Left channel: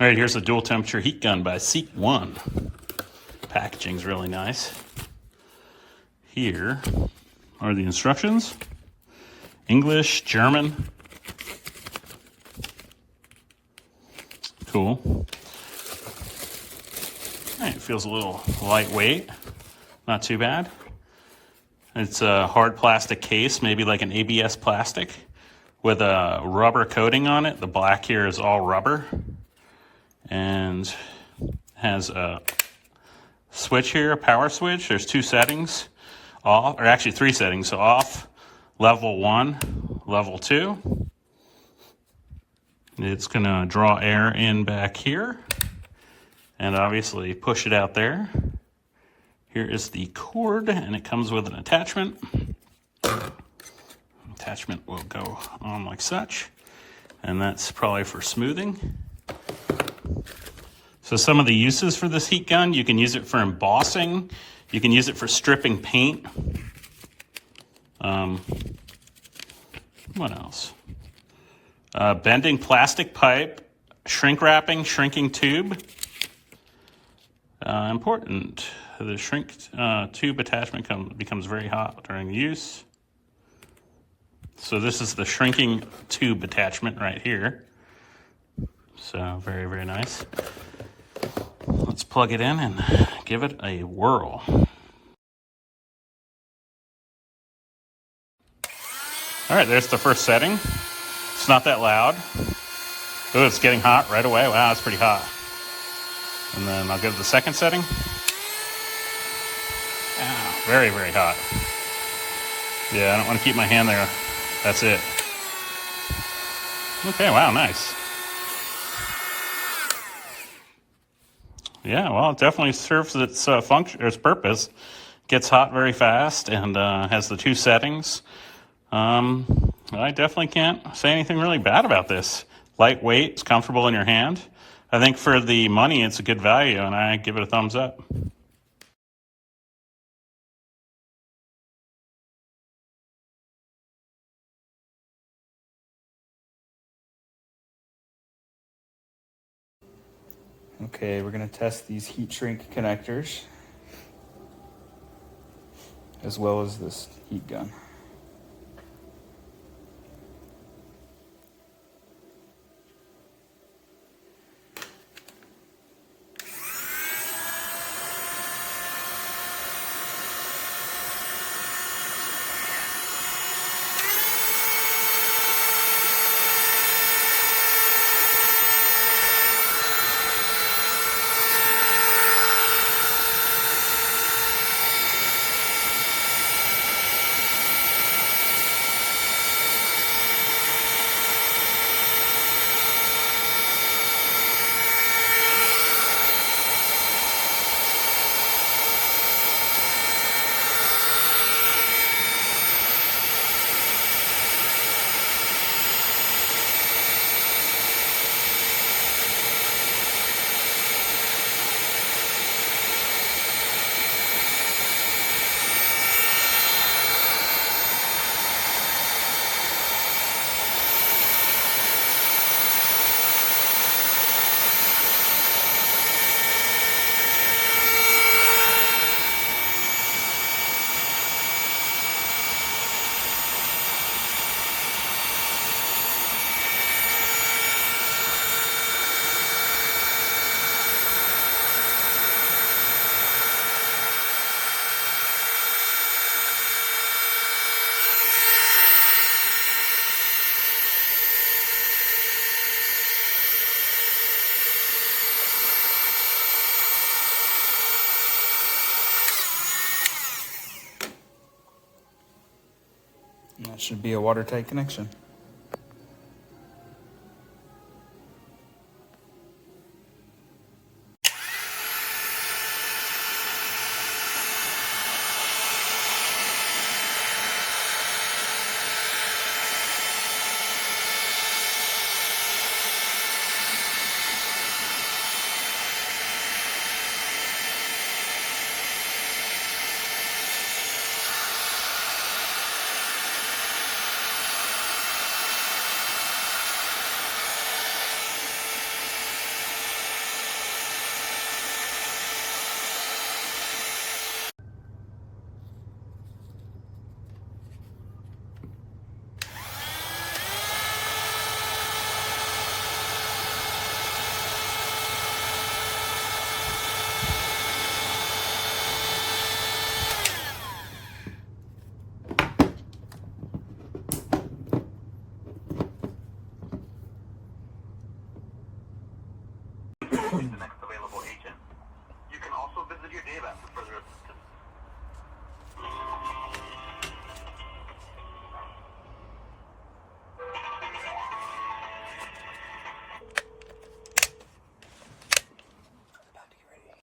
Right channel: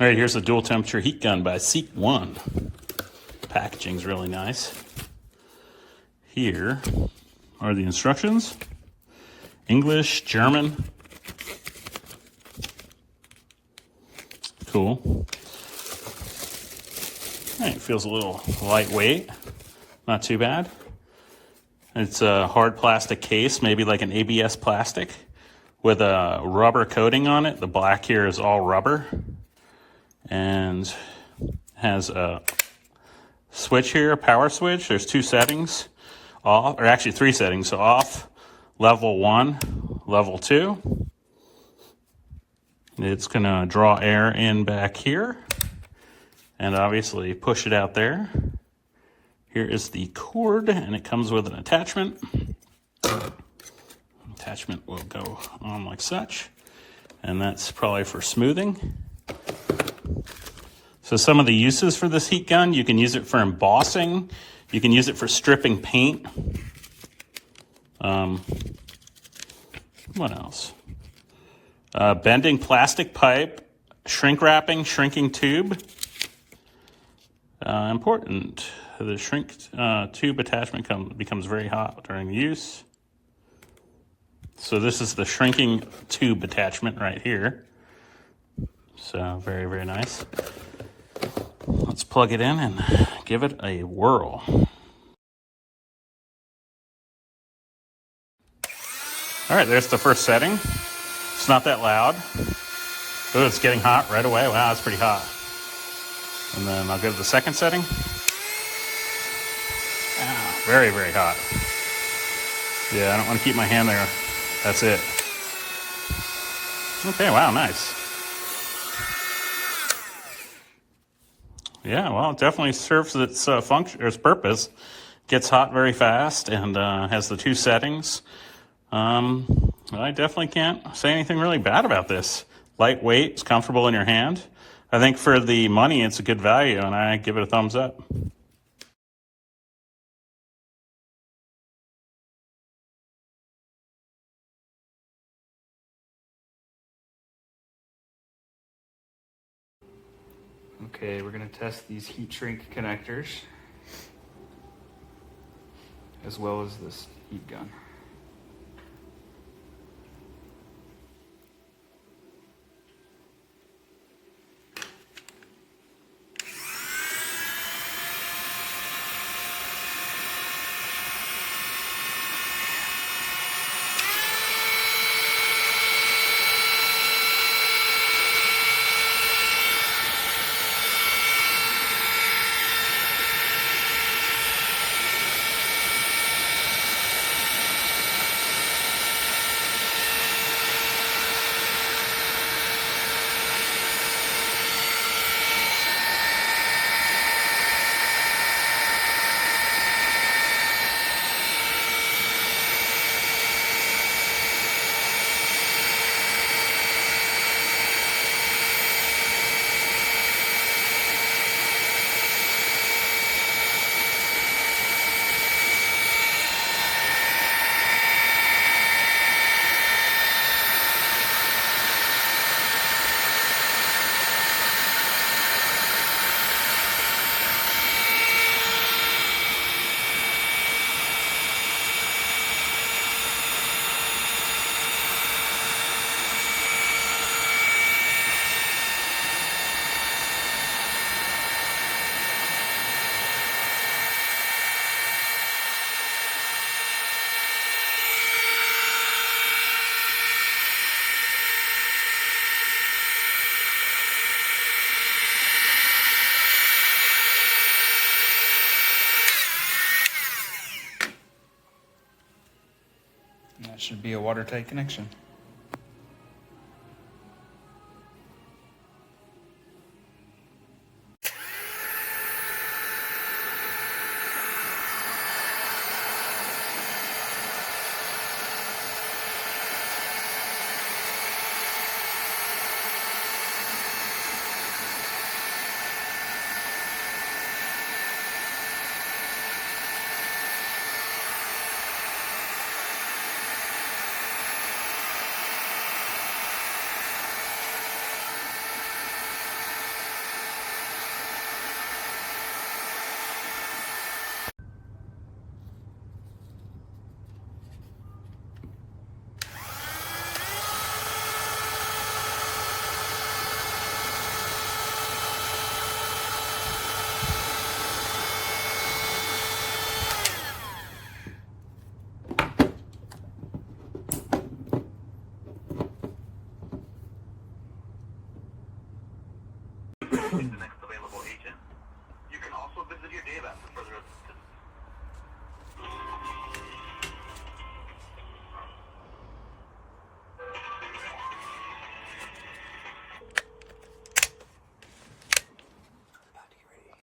All right, here's a dual temperature heat gun by SEEKONE. Packaging's really nice. Here are the instructions. English, German. Cool. All right, it feels a little lightweight. Not too bad. It's a hard plastic case, maybe like an ABS plastic, with a rubber coating on it. The black here is all rubber. And has a switch here, a power switch. There's two settings, off, or actually three settings. So off, level 1, level 2. It's gonna draw air in back here and obviously push it out there. Here is the cord, and it comes with an attachment. Attachment will go on like such, and that's probably for smoothing. So some of the uses for this heat gun: you can use it for embossing, you can use it for stripping paint. What else? Bending plastic pipe, shrink wrapping, shrinking tube. Important. The shrink tube attachment becomes very hot during use. So this is the shrinking tube attachment right here. So very, very nice. Let's plug it in and give it a whirl. All right, there's the first setting. It's not that loud. Oh, it's getting hot right away. Wow, it's pretty hot. And then I'll go to the second setting. Wow, very, very hot. Yeah, I don't want to keep my hand there. That's it. Okay, wow, nice. Yeah, well, it definitely serves its function, or its purpose. Gets hot very fast and has the two settings. I definitely can't say anything really bad about this. Lightweight, it's comfortable in your hand. I think for the money, it's a good value, and I give it a thumbs up. Okay, we're going to test these heat shrink connectors as well as this heat gun. That should be a watertight connection.